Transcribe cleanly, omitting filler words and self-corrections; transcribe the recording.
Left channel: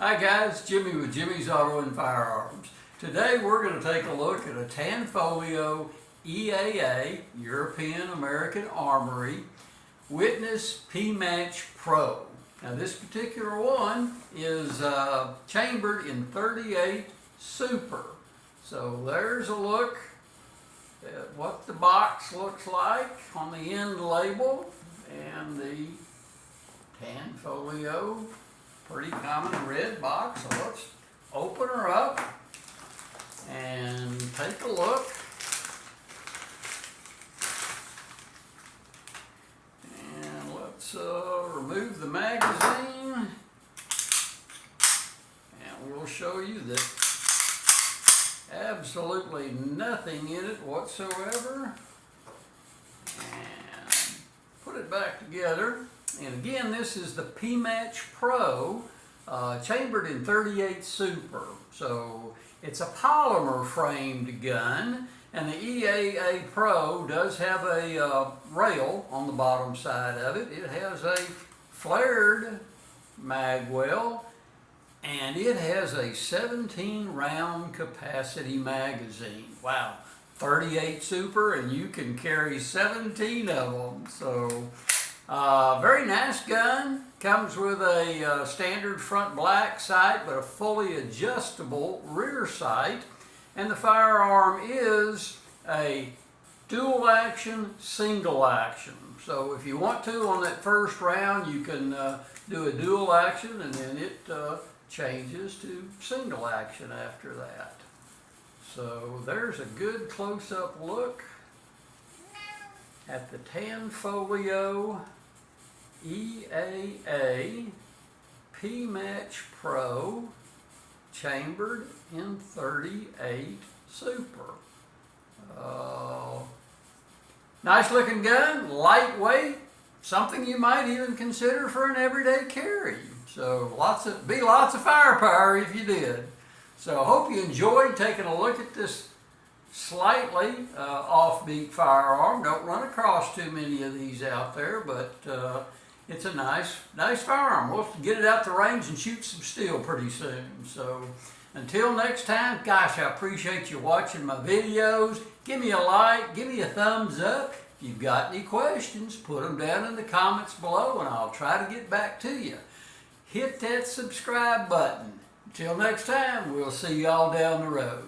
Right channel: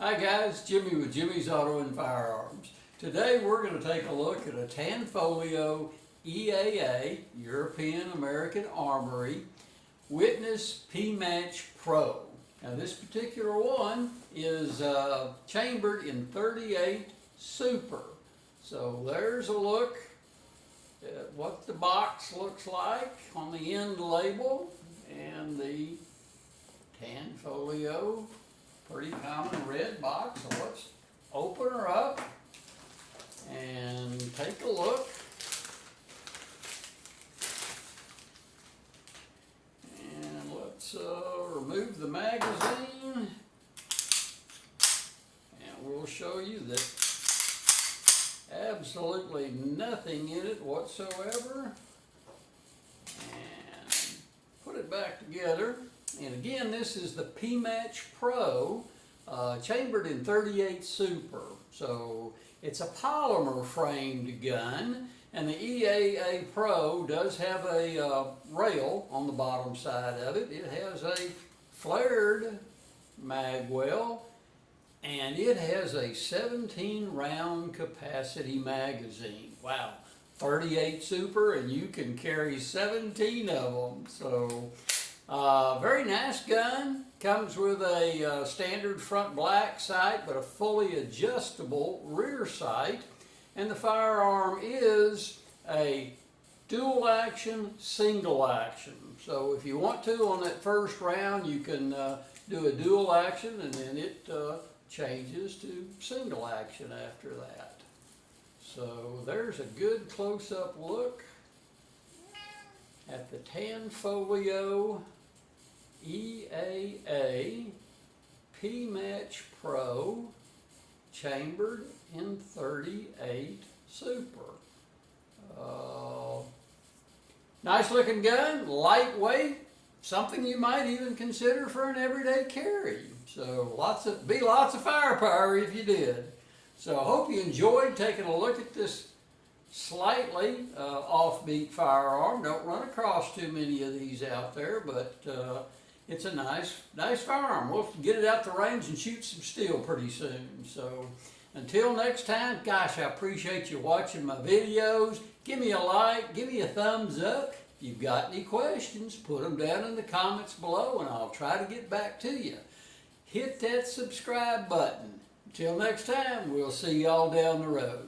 Hi guys, Jimmy with Jimmy's Auto and Firearms. Today we're going to take a look at a Tanfoglio EAA, European American Armory, Witness P-Match Pro. Now this particular one is chambered in 38 Super. So there's a look at what the box looks like on the end label and the Tanfoglio. Pretty common red box, so let's open her up and take a look. And let's remove the magazine, and we'll show you that absolutely nothing in it whatsoever. And put it back together. And again, this is the P-Match Pro, chambered in 38 Super. So it's a polymer framed gun, and the EAA Pro does have a rail on the bottom side of it. It has a flared mag well, and it has a 17 round capacity magazine. Wow, 38 Super, and you can carry 17 of them. So very nice gun. Comes with a standard front black sight, but a fully adjustable rear sight. And the firearm is a dual action, single action. So if you want to, on that first round, you can do a dual action, and then it changes to single action after that. So there's a good close-up look at the Tanfoglio EAA P-Match Pro, chambered in 38 Super. Nice looking gun, lightweight, something you might even consider for an everyday carry. So lots of firepower if you did. So I hope you enjoyed taking a look at this slightly offbeat firearm. Don't run across too many of these out there, but it's a nice firearm. We'll get it out the range and shoot some steel pretty soon. So until next time, gosh, I appreciate you watching my videos. Give me a like, give me a thumbs up. If you've got any questions, put them down in the comments below and I'll try to get back to you. Hit that subscribe button. Until next time, we'll see y'all down the road.